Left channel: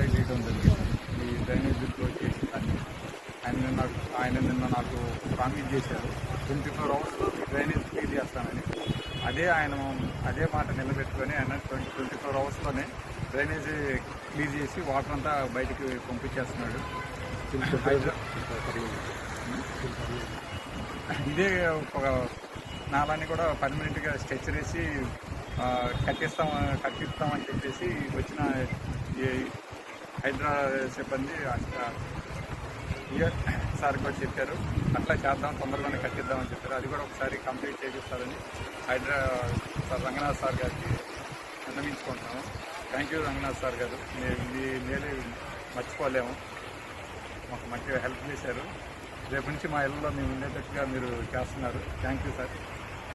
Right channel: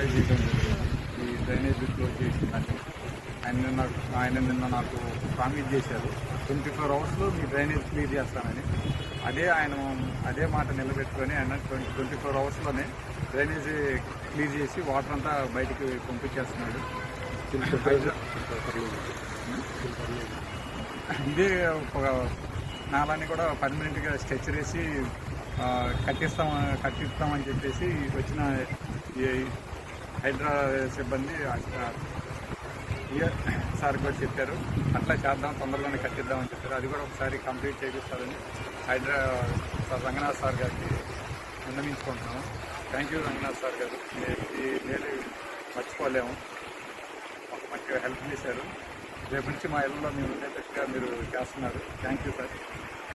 Contact చేయడం జరిగింది ఈ డ్రైనేజ్ క్లోజ్ చేసిందని. ఆయన నిన్న నాకు ప్రామిస్ చేశారు 24 అవర్స్లో మీ డ్రైనేజ్ క్లియర్ చేస్తానని. అదే మాట నిలబెట్టుకొని ఆయన 24 అవర్స్లోనే డ్రైనేజ్ క్లీన్ చేసి వాటర్ అంతా బయటికి పంపించేస్తున్నాడు. ఇదే ఒక నాలాన్ని కూడా పర్మనెంట్గా స్ట్రెచర్ వేసి కట్టిస్తామని చెప్పేసి వచ్చిన హైడ్రా సిబ్బంది సార్ కూడా చెప్పారు. అట్లా చేద్దాం, తొందరలోనే కట్టిద్దామని చెప్పారు. అది కూడా ఒకసారి కంప్లీట్ చేపిస్తారని హైడ్రా సార్ రంగనాథ్ సార్ గారికి విన్నవించుకుంటున్నాము. థ్యాంక్ యూ రంగనాథ్ సార్ గారు, మీ మేలు మర్చిపోలేము. మాకు మంచిగా హెల్ప్ చేశారు. రేపు నుంచి మా ఇళ్ళలో మేము ఉండేటట్టుగా మీరు చేస్తున్నారు. Thank you sir.